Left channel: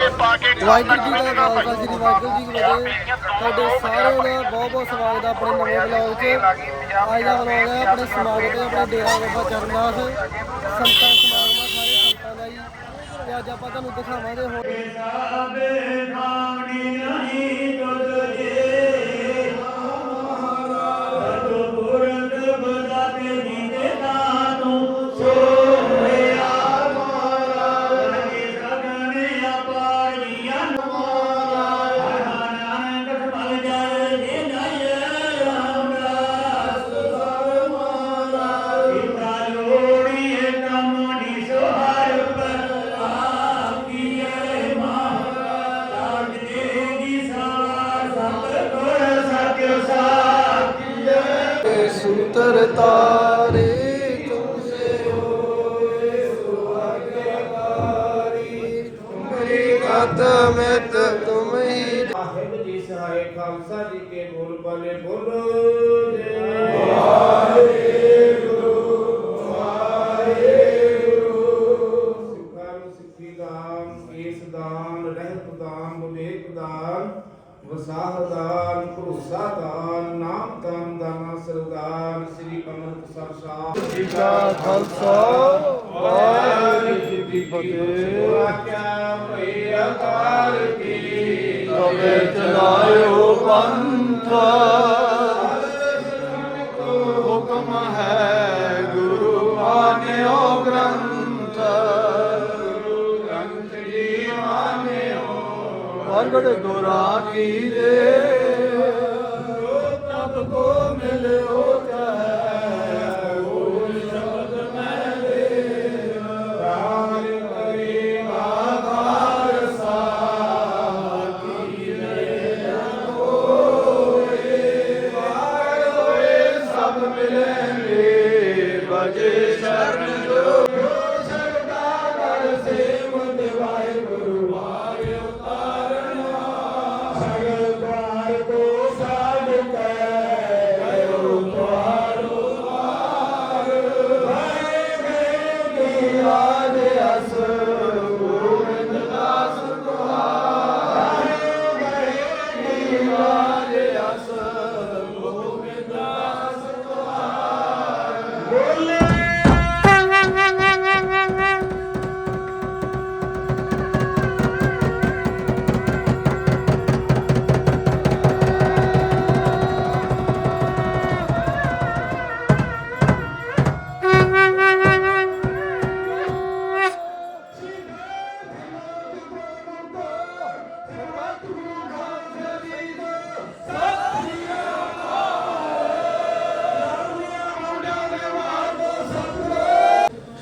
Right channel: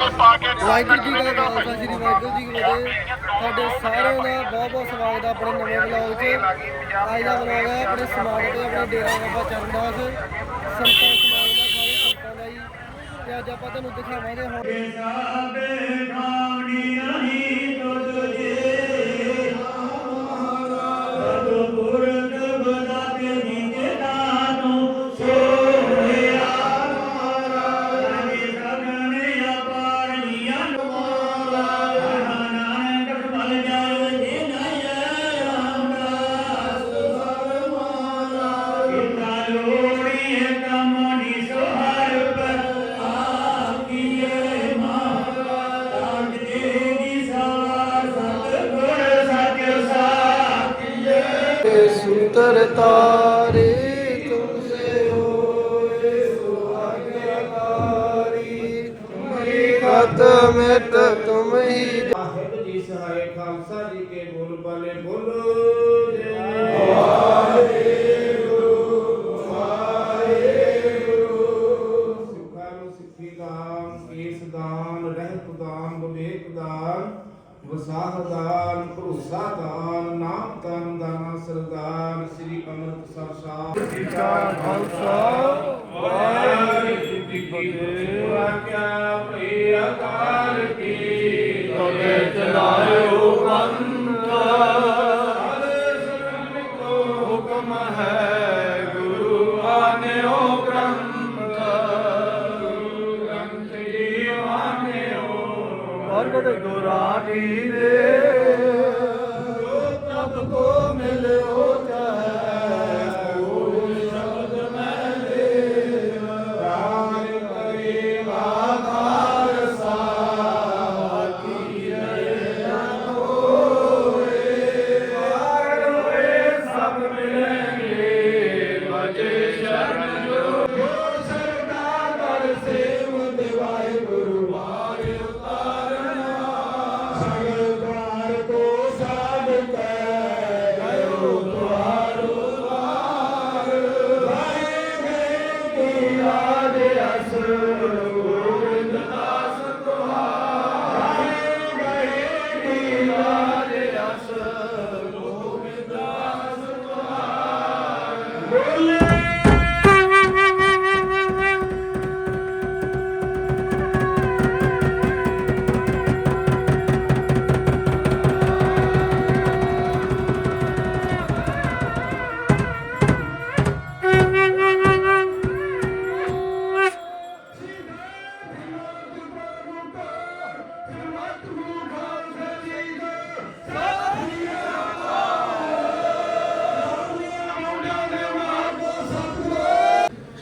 ਵਾਹਿਗੁਰੂ ਜੀ ਦਾ ਖਾਲਸਾ, ਸ੍ਰੀ ਵਾਹਿਗੁਰੂ ਜੀ ਕੀ ਫਤਿਹ। ਸਾਡੇ ਸਾਰਿਆਂ ਦਾ ਬਹੁਤ ਬਹੁਤ ਸਵਾਗਤ ਹੈ ਆਪਣੇ ਨਵੇਂ ਵਲੌਗ 'ਚ। ਅੱਜ ਦਾ ਵਲੌਗ ਹੈ ਆਪਣੇ ਸਮਾਗਮ ਤੇ, ਆਪਣੇ ਡੇਰਾ ਬਾਬਾ ਚਰਨਦਾਸ। ਸੰਤਾਂ ਸਮਾਗਮ ਸਾਰੇ ਸੰਤਾਂ ਦਾ ਜੀ। ਤੇ ਅੱਜ ਆਪਾਂ ਤੁਹਾਨੂੰ ਦਿਖਾਵਾਂਗੇ ਹੋਰ ਸਤ ਮਿਤ ਤੁਮ ਹੀ ਜੀ ਸਹਾਇ ਖਾਲਸਾ ਜੀ ਕੇ ਬੋਲ ਬਾਲੇ ਬੋਲੋ। ਜੈ Lift the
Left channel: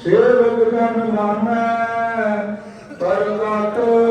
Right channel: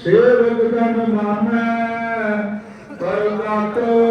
ਸੇਵਕ ਜਨ ਨਾਮੈ ਪਰਮਾਤਮਾ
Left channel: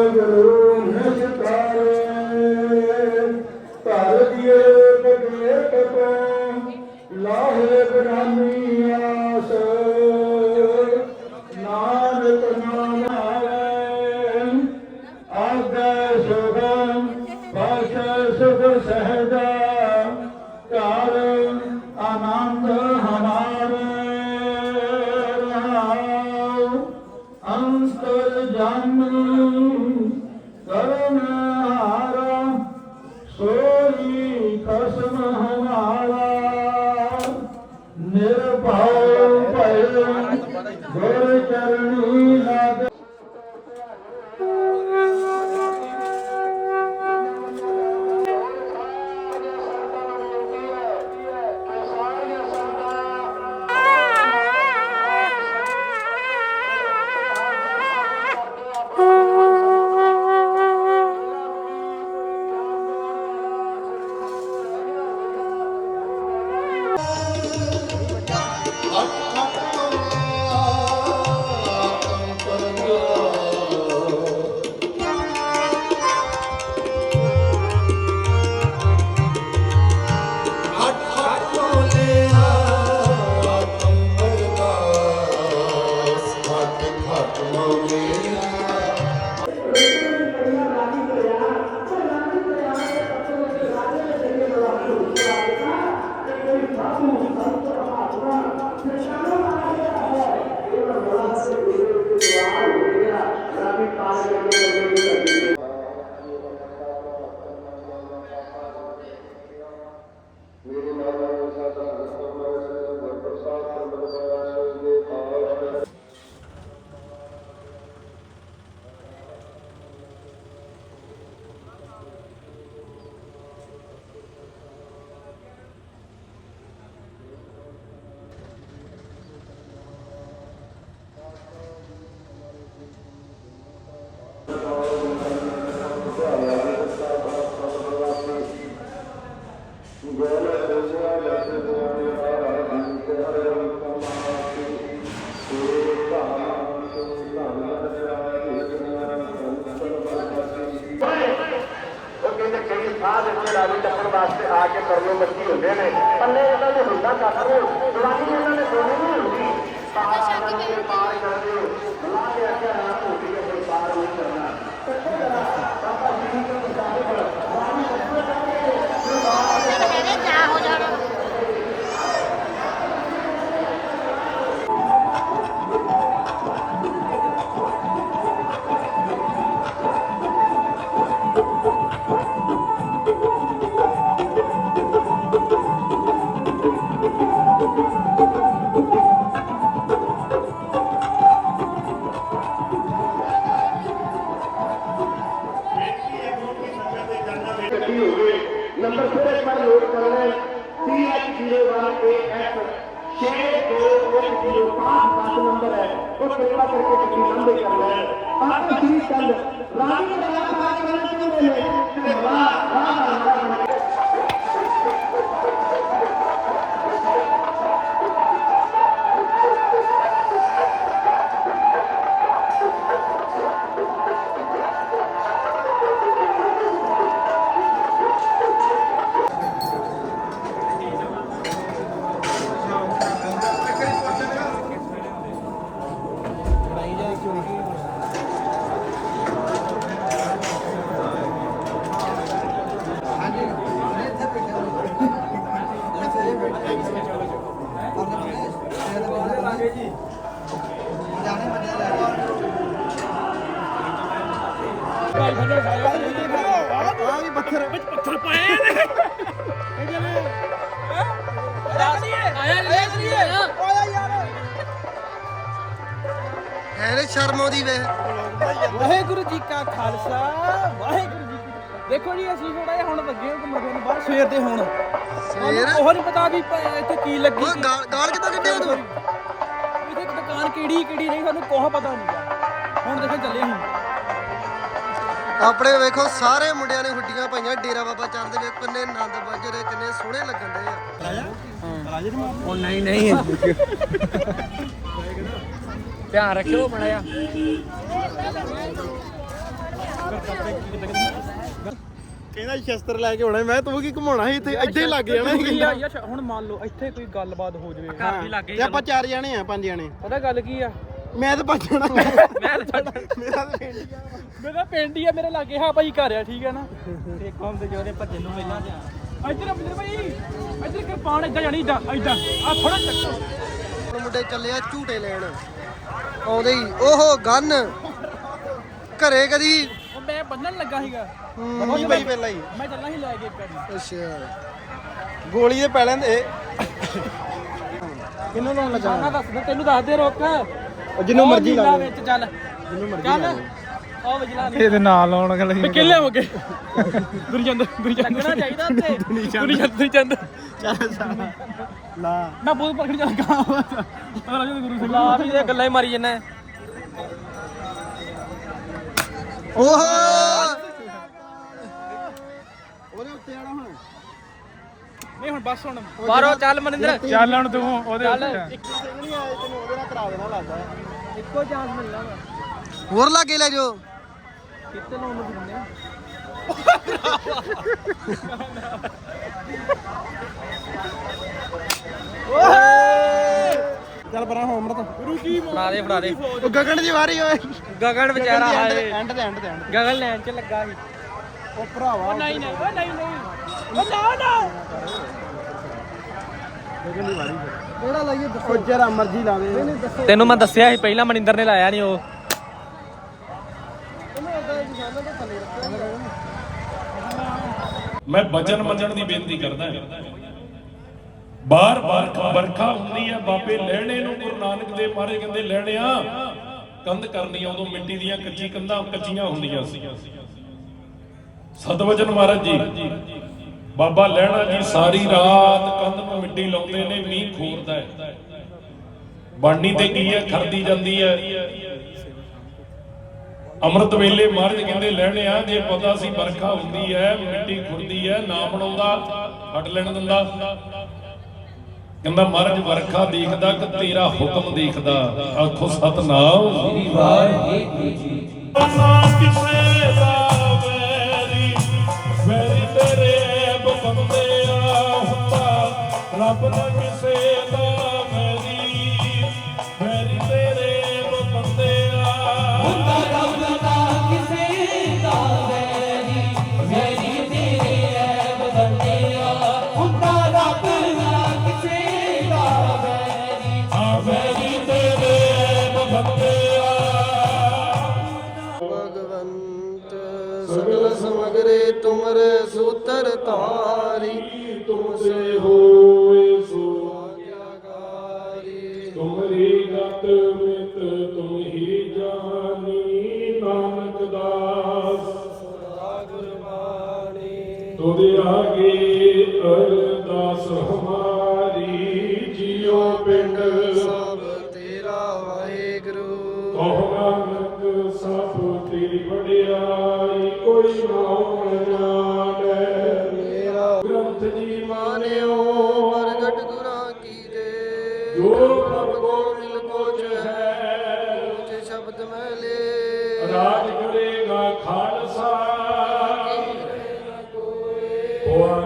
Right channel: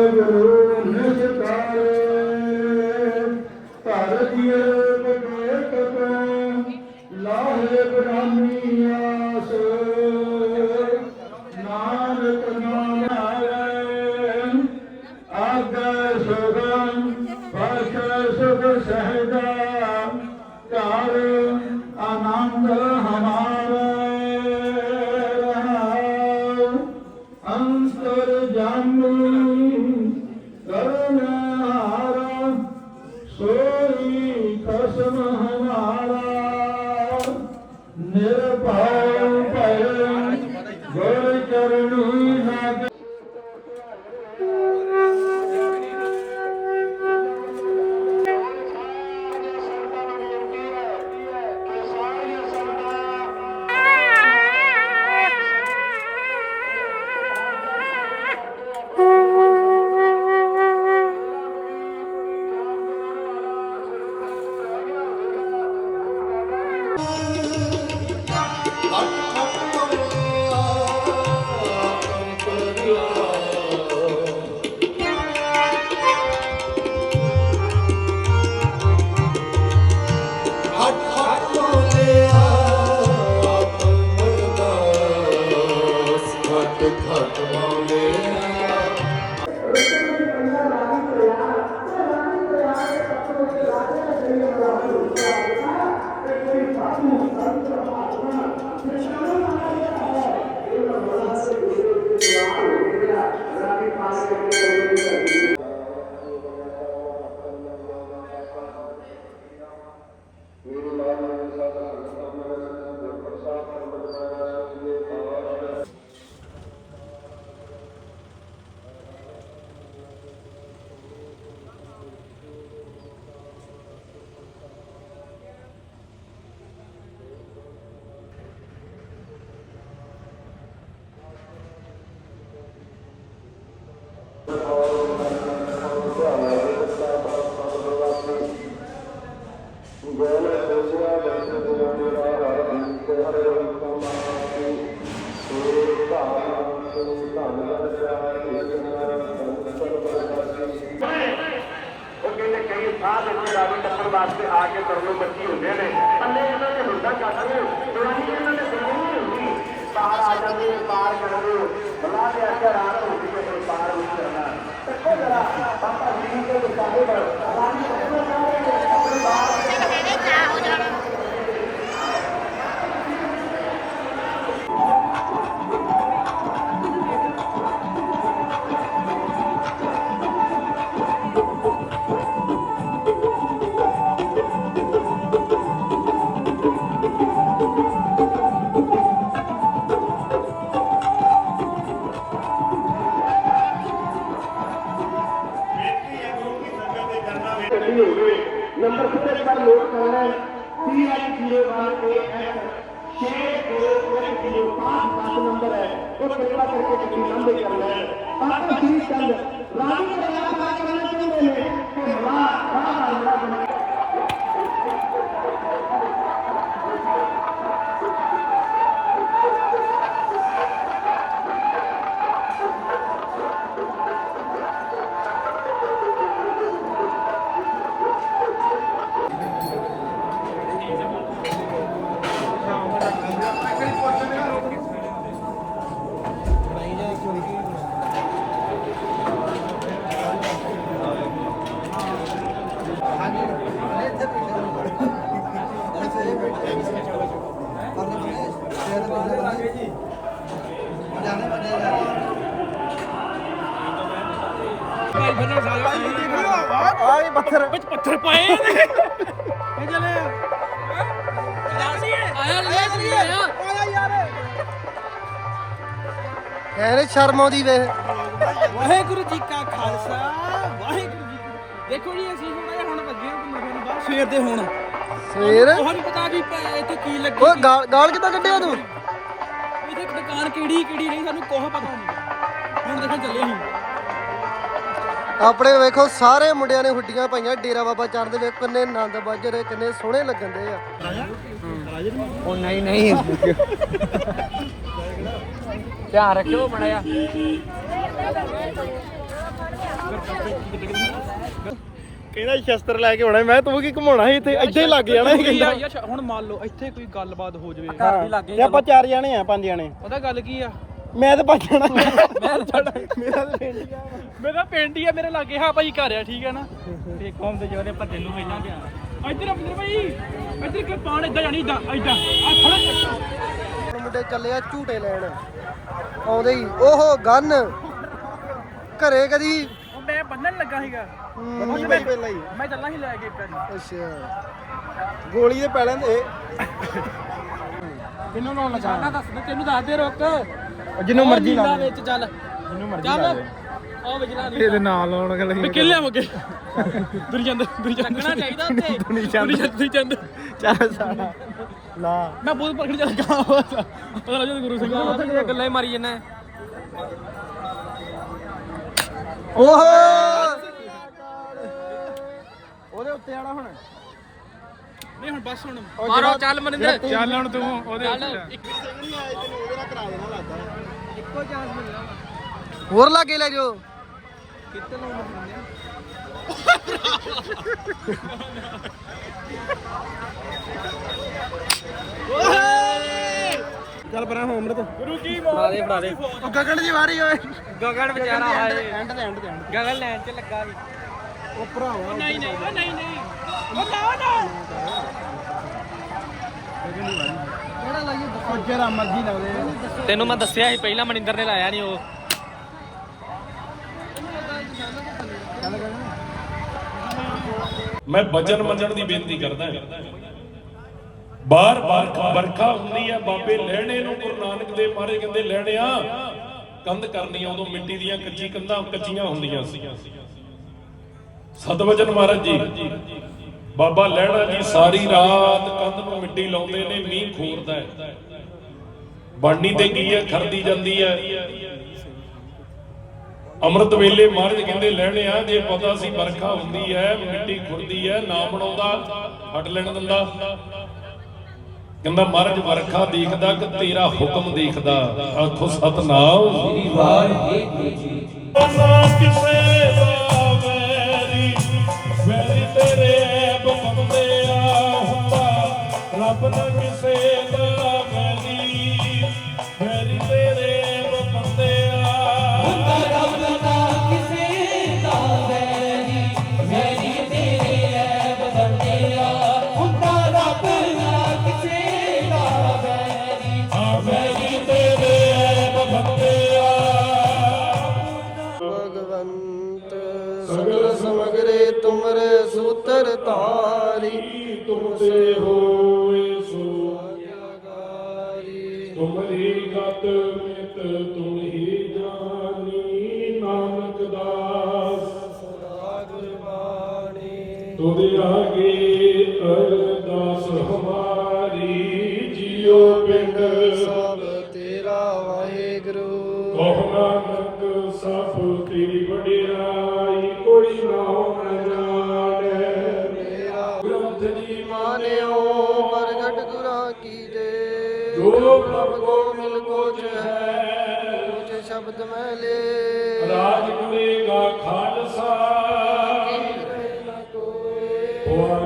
ਕਰਨੇ ਬੱਚੀ ਹੁੰਦੇ ਨੇ ਪੱਲੇ ਇਹਨਾਂ ਦੇ ਹੁੰਦਾ ਕੱਖ ਨੂੰ ਦਵਾਈ ਉਹਨਾਂ ਨੇ ਨਹੀਂ ਹੁੰਦੀ ਪਾਰ ਆ ਜਾਂਦੇ ਨੇ ਪਾਰ ਜਾਂਦੇ ਬਲਾ ਦੇ ਆਖਿਆ ਰਾਤ ਹੁੰਦੀ ਹੈ ਪਰ ਪਾਰ ਨਹੀਂ ਕਰਨਾ ਸੱਚੇ ਜਰਾ ਪਾਪਾ ਜੀ ਦੇ ਸਾਹਿਬ ਰਾਣੀ ਸੱਚੇ ਕਹਿੰਦੇ ਬਾਹਰ ਨੰਬਰ ਪੱਥਰ। ਵਿੱਚ ਪੱਥਰ ਪਏ ਨੇ ਆਇਆ ਲੈ ਤੂੰ ਆਇਆ। ਕਹਿੰਦੇ ਸ਼ਰਮ ਆਉਂਦੀ ਵੇ। ਵਾਹਿਗੁਰੂ ਜੀ ਕਾ ਖਾਲਸਾ ਵਾਹਿਗੁਰੂ ਜੀ ਕੀ ਦੇਖੋ ਜੀ ਅਸੀਂ ਥੋੜਾ ਜਿਹਾ ਹੁਣ ਲੱਗੇ ਹਾਂ ਘੁੰਮਣ ਫਿਰਨ ਬਾਹਰ ਸਵੇਰ ਦੇ ਹੁਣ। ਸਵੇਰ? ਉਹ ਨਹੀਂ ਪਤਾ ਵੀ ਪ- ਇੱਥੇ ਕੀ ਲੱਗੀ ਓਏ ਕੀ- ਗਾਲ ਗਾਲ ਕਿੱਦਾਂ ਕੱਢਿਆ ਤੂੰ? ਇੱਥੇ ਦੁਕਾਨ ਕਿਹੜੀ ਕਿਹੜੀ ਨਹੀਂ ਸਾਨੂੰ ਕੋਹ ਪਤਾ ਨਹੀਂ। ਹੁਣ ਦੇਖਣ ਚੱਲੇ ਅਸੀਂ। ਆਪਣੇ ਵੇਖੋ ਸਾਰੇ ਮੁੰਡਿਆਂ ਨੇ ਹੁੱਡੀਆਂ ਪਾਈਆਂ ਡੇਰਾ ਬਾਬਾ ਚੰਦ ਦੇ ਵੇਖ ਕਿੰਨੇ ਆਨੰਦ ਵੱਜ ਰਹੇ ਕਿੰਨੇ ਸੋਹਣੇ ਲੱਗਣ ਦੇ ਆ। ਉਹ ਨਹੀਂ ਨਹੀਂ। ਧਿਆਨ ਰੱਖਿਓ ਬਣਾਇਆ ਕਹਿੰਦਾ ਸ਼ਸਤਰ ਲੈ ਕੇ ਆਉਣਾ ਮੈਂ ਤੂੰ ਕੀ ਘੁਮਾਉਣਾ ਸੀ ਇੱਥੇ? ਇੱਥੇ ਹੀ ਲੱਗ ਜਾਣਾ ਸੀ ਕਹਿੰਦਾ। ਹੁਣ ਮੰਨ ਲਓ ਇੱਥੇ ਕੋਈ ਗੱਲਬਾਤ ਹੋ ਜਾਵੇ। ਹਾਂ ਤੇ ਆਪਾਂ ਚਾਰ ਜਾਣੇ ਆ ਪੰਜ ਜਾਣੇ। ਪਤਾ ਗੱਲ ਕੀ ਆ? ਮੈਂ ਤਾਂ ਭੱਜ ਜਾਣਾ। ਮੈਂ ਤਾਂ ਮੇਰਾ ਤਾਂ ਪਿੰਡ ਹੀ ਆ। ਮੇਰਾ ਪਿੰਡ ਹੀ ਆ ਮੇਰੇ ਲਾਗੇ ਹਾਂ ਭਾਈ ਘਰ ਆ ਠੀਕ ਹੈ ਨਾ? ਤੇ ਕੌਮ ਦੇ ਜੋਦੇ ਭੱਜਣ ਨੂੰ ਪਹਿਲਾਂ ਤੇ ਆ ਇੱਧਰ ਅਬਦਰ ਭਾਈ ਇੱਧਰ ਕਿਰਪਾਨ ਇੱਦਾਂ ਜਾਣੀ ਇੱਦਾਂ ਇੱਦਾਂ ਆ ਥੋੜਾ ਚੱਕੋ। ਹੁਣ ਮੁੰਡੇ ਚੱਲੇ ਆ ਝੂਟੇ ਲੈਣ। ਆਉਂਦੇ ਹੀ। ਓਹੋ ਗਨ। ਘਰੇ ਕਦੀ? ਉਹ ਮੈਂ ਬੰਨਣ ਲੱਗਾ ਸੀਗਾ। ਹੂੰ, ਉਹ ਮੈਂ ਮੈਂ ਚੱਲਾਂ ਸੀ ਲੈ ਕੇ ਵਾਰੀ ਅੱਛਾ। ਗੋਲੀ ਦੇ ਪੈਲਾਂ ਦੇ। ਕਿੰਨੂੰ ਲਾਉਣ ਲੱਗਾ? ਨਾ ਦੱਸ ਦੇ ਤੈਨੂੰ ਦੱਸ ਦੇ ਰੁਕ। ਜਿੰਨੂੰ ਉਹ ਮਰਜ਼ੀ ਲਾ ਨੀਲਾ ਦੇ ਵਿੱਚ ਚੱਲ। ਜਿੰਨੂੰ ਮਰਜ਼ੀ ਚੱਲ। ਲਾ ਦੇ ਉਹ ਵਜਲਾ ਨਹੀਂ ਇਹਦੇ ਨਾਲ ਲਾਉਣ ਗੱਲ ਮੈਂ ਕਿੱਲੇ ਹੋ ਗਏ ਦੁਰਜੰਦ ਦੁਰਜੰਦ ਲੱਗਣਾ ਚਾਹੀਦਾ ਉੱਤੇ ਦੁਰਜੰਦ ਦੁਰਜੰਦ ਚੱਲ ਸਾਲਾ ਲਾ। ਮੈਂ ਬਹੁਤ ਪਕੜ ਜਾ ਗਾ ਪਤਾ ਲੱਗ ਗੁਰੂ ਸਿੰਘ ਆ ਵੀ ਇਹ ਗੱਲਾਂ ਹੀ ਮਾਰੀ ਜੰਨਾ ਓਹ! ਉਹਦੇ ਉੱਤੇ ਆਣਾ ਹੁਣ। ਨਹੀਂ ਹੁਣ ਬਸ ਹੁਣ। ਬਾਹਰੋਂ ਚੱਲ ਮਨਿੰਦਰ। ਚੱਲ ਹੁਣ ਤੂੰ ਉਹਦੇ ਚੱਲ। ਇੱਕ ਨਹੀਂ ਆਏ ਤੈਨੂੰ ਉਹਦੇ ਨਾਲ ਕਰਾ ਦੇਣਾ ਲੱਗਦਾ। ਇੱਕੋ ਚਾਂਸ ਮਿਲਣਾ ਹੋਰ ਲਾਗੇ ਲੈ ਜਾਓ। ਕਿੱਥੇ ਨੂੰ ਦਿੰਦੇ ਚੱਲ ਪਰਾਂ ਹੋ ਅੰਮ੍ਰਿਤ। ਗੁਰੂ ਕੀ ਬਣਾ ਦੇ ਬਣਾ ਦੇ। ਉਹ ਗਗਨ ਦੀ ਵਾਰੀ ਓਏ। ਗਗਨ ਵਿਚਾਰਾ ਐਂਡ ਤੇ ਐਂਡ ਤੇ ਐਂਡ ਗਗਨ ਲੈਣ ਚ ਲੱਗਾ ਸੀ। ਉਹ ਭਰਾਵਾ ਨਹੀਂ ਨਹੀਂ ਨਹੀਂ ਨਹੀਂ। ਕਿਹੜਾ ਲਾਈਏ ਉਹ ਜਿਹੜਾ ਮਰਜ਼ੀ ਲਾ ਦੇ ਤੈਨੂੰ ਮੈਂ ਦੱਸਿਆ ਸੀ, ਪਹਿਲਾਂ ਮਨਿੰਦਰ ਨੇ ਲਾਇਆ ਨਹੀਂ ਉਹ। ਮੈਂ ਵਚਨ ਮੰਨਣ ਦੀ ਬੇਨਤੀ ਕਰਦਾ ਬਾਰ ਬਾਰ ਵਰਖਾ ਹੁੰਦੀ ਹੈ ਬਾਬੇ ਲੈਣੇ ਨੂੰ ਗੁਰੂ ਨਾਨਕ ਦੇ ਮਾਰੇ ਕਹਿੰਦੇ ਲੈਣਿਆ ਕੰਧ ਕਰਨੀ ਆ, ਉਦੋਂ ਮਿੱਟੀ ਦੀਆਂ ਕੱਚੀ ਕੰਧਾਂ ਕੱਚੀਆਂ ਹੁੰਦੀਆਂ ਸੀ। ਸਤਵਚਨ ਮਹਾਰਾਜ ਜੀ ਬਾਬਾ ਲੈਣਾ ਜੀ ਸਾਰੀ ਰਾਤ ਕੰਧ ਨੂੰ ਮਿੱਟੀ ਲਾਉਂਦੇ ਨੇ, ਮੀਂਹ ਖੋਰਦਾ ਹੈ। ਬਾਣੀ ਤੇ ਕੀ ਹੈ? ਖਰਦੀ ਜਾਂਦੀ ਹੈ। ਅੰਮ੍ਰਿਤ ਵੇਲੇ ਮਹਾਰਾਜ ਕਹਿੰਦੇ ਲੈਣੇ ਆ, ਜੇ ਪਤਾ ਸੀ ਵਰਖਾ ਹੁੰਦੀ ਹੈ, ਮਿੱਟੀ ਖੁਰਦੀ ਹੈ, ਨਾ ਬਣਾਉਂਦਾ, ਹਟ ਲੈਣ ਦਿੰਦਾ। ਕਹਿੰਦਾ, ਮਹਾਰਾਜ, ਵਰਖਾ ਦੇਖਦਾ ਕਿ ਤੇਰਾ ਹੁਕਮ ਦੇਖਦਾ। ਆਖੋ, ਸਤਨਾਮ। ਸ੍ਰੀ ਵਾਹਿਗੁਰੂ ਜੀ ਅੰਤਰ ਧਾਰੀ ਤੁਮ ਹੋਏ ਗਤ ਮਿਤ ਤੁਮ ਹੀ ਨਾਨਕ ਦਾਸ। ਸਦਾ ਗੁਰਬਾਣੀ ਤੁਧ ਆਗੇ ਅਰਦਾਸ ਹਮਾਰੀ ਜਿਉ ਪਿੰਡ ਕਮਲੇ ਰਾਜ ਕਰੇਗਾ ਖਾਲਸਾ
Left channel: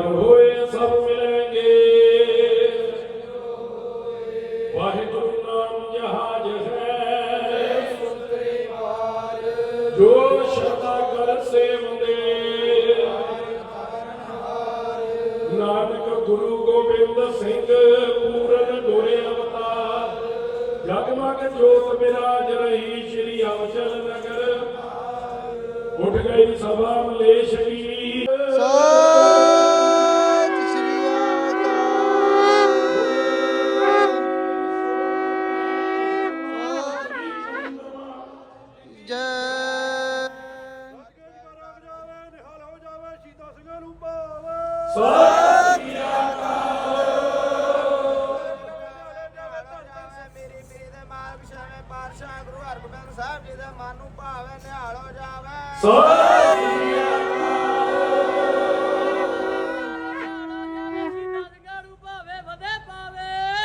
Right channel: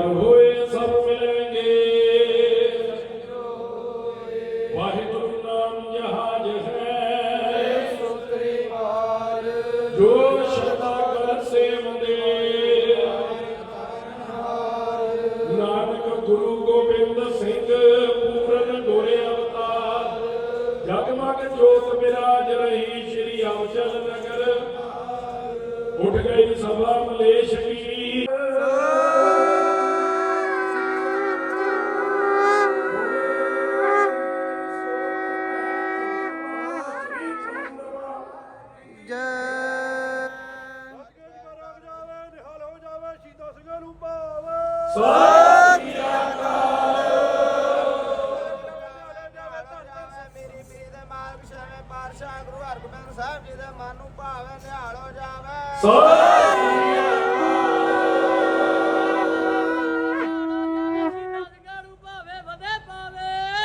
ਹੋਏ ਸਭ ਮਿਲਣਗੇ।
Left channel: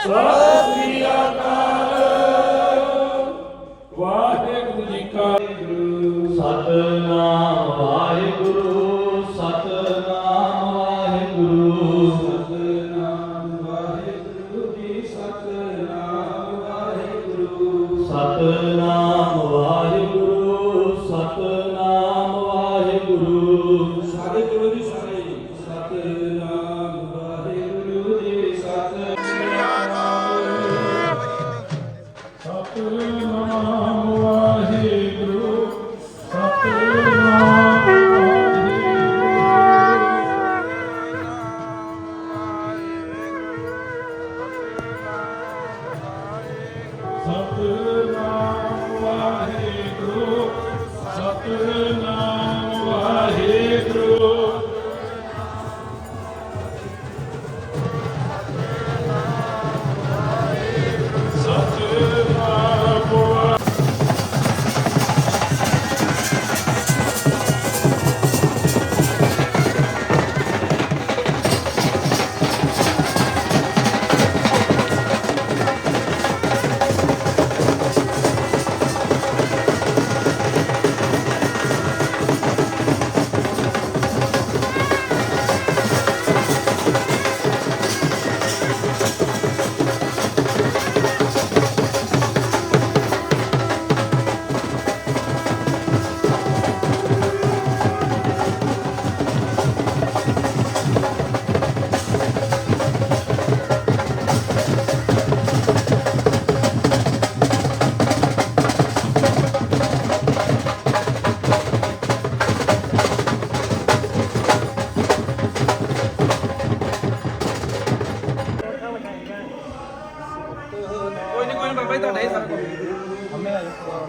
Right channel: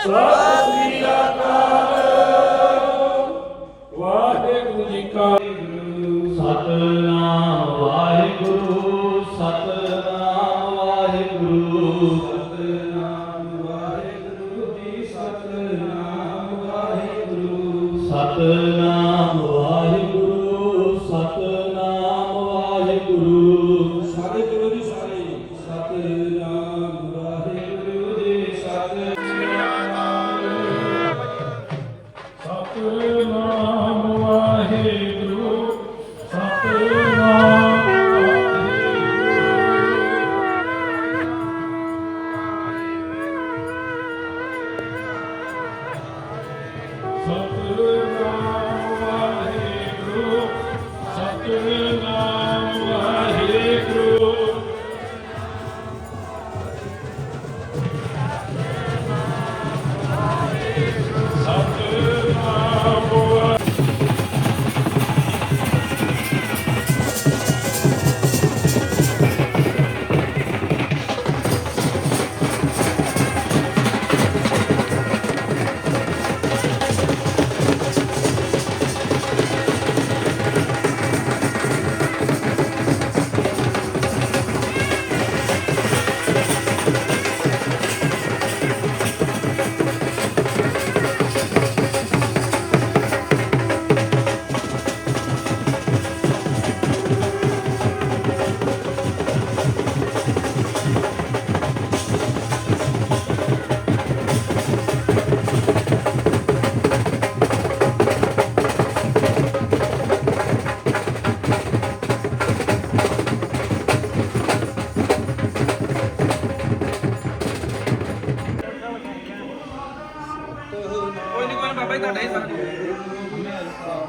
Love me, God.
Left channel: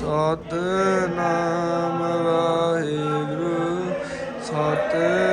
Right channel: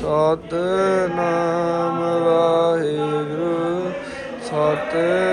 Satnam Waheguru ਸਤਿ